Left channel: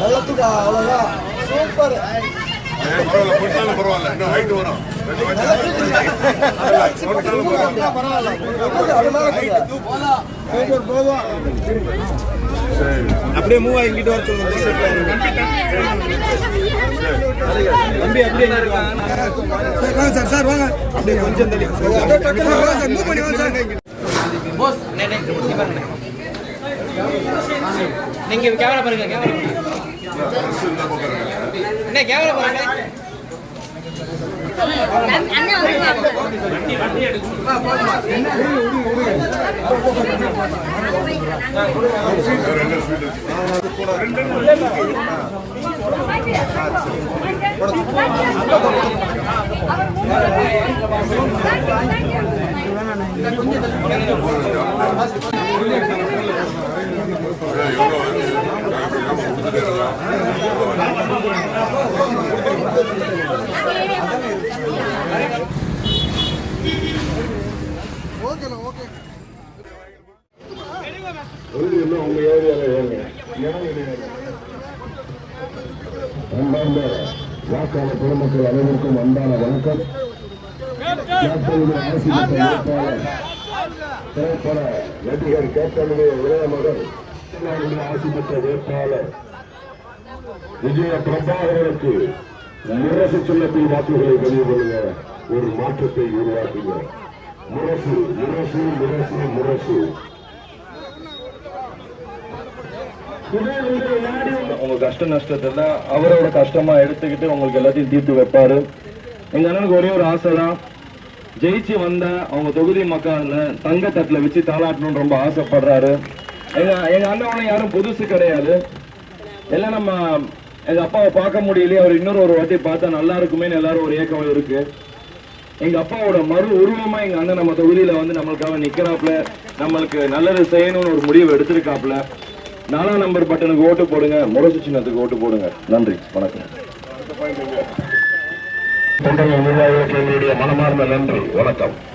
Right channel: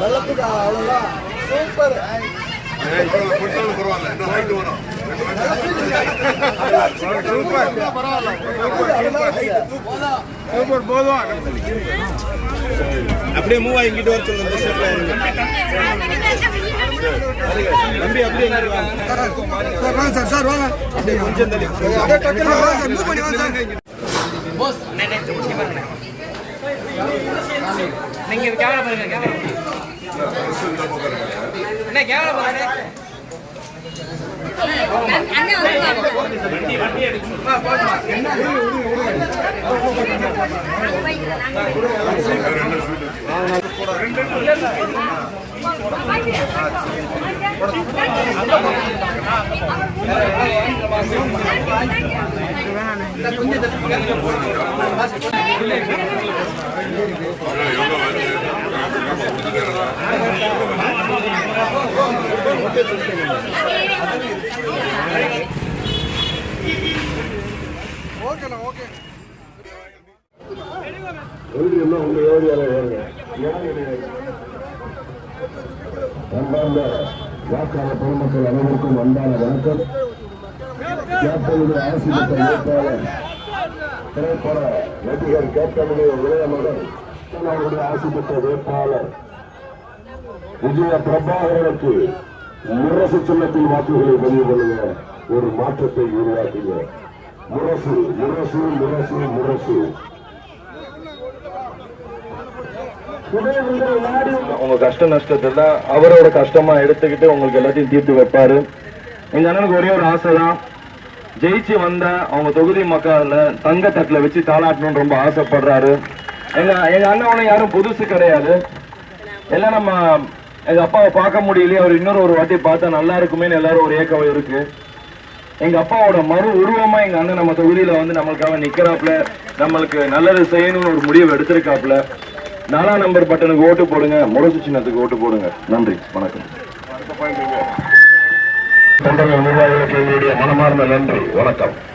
வெள்ளத்துக்கு அவ்வளவுதான் சூப்பர் பரவாயில்ல இன்னும் ஹைட் வரும் அப்படியே மூவ் ஆகி இங்கிட்டு வர சொல்லுங்க தம்பி அப்படியே இங்க இருக்காங்க சார் வாங்க சார் வாங்க கொஞ்சம். நீங்க கேமரா பாருங்க கேமரா என்ன கேமரா பாருங்க. ஓகேண்ணா ஓகே இன்னும் உங்க ஏரியால ஏறுங்க அன்பார்ந்த வாக்காள பொதுமக்கள் அனைவருக்கும் அன்பான வணக்கம். கேப்டனுடைய ஆசிரியர் திரைப்பட நடிகர் கேப்டனுடைய இளைய மகன் அவருடைய ஆசி பெற்ற வேட்பாளர் விஜய பிரபாகரனுக்கு முரசு சின்னத்தில் வாக்குகளை பதிவு பண்ணுங்க ஒரு மாற்றத்தை உருவாக்குங்க. முரசு முரசு முரசு முரசு. உங்க கஷ்ட நஷ்டத்தை அவரோட கஷ்டமா எடுத்துக்கிட்டு உங்களுக்கு எல்லாத்தையும் தீர்த்து வைப்பாரு. எங்க அண்ணனுக்கு ஒரே ஒரு ஆசை தான் ஜெயிச்சு வந்த அவங்க தொகுதி மக்கள்ல தங்க தட்டில் வச்சு தாளாட்டணும்னு ரொம்ப ஆசைப்படுறாரு. எங்க எங்க அண்ணன் யாரும் புதுசு கிடையாது. எல்லாம் நம்ம எங்க அப்பாவை பார்க்க முடியலையே அவர் இன்னொரு ஒரு வாட்டி பார்த்தா நல்லா இருக்குமேன்னு எல்லாரும் ஒரு ஏக்கம் இருக்கு. எங்க அப்பாவோட மறு உருவமா எங்க அண்ணன் நம்ம தொகுதியில வந்து நம்மளுக்காக நிக்கிறாப்ல நம்மளுக்கு நல்லது செய்யணும்னு ஒரு முடிவு எடுத்திருக்காப்ல நாலாம் நம்பர் பட்டனுக்கு ஓட்டு போடுங்க முரசு சின்னத்துக்கு ஓட்டு போடுங்க. நன்றி வணக்கம். தொண்டர்கள் நிர்வாகிகளுக்கு எங்களுடைய மனமார்ந்த நன்றி. வணக்கம்.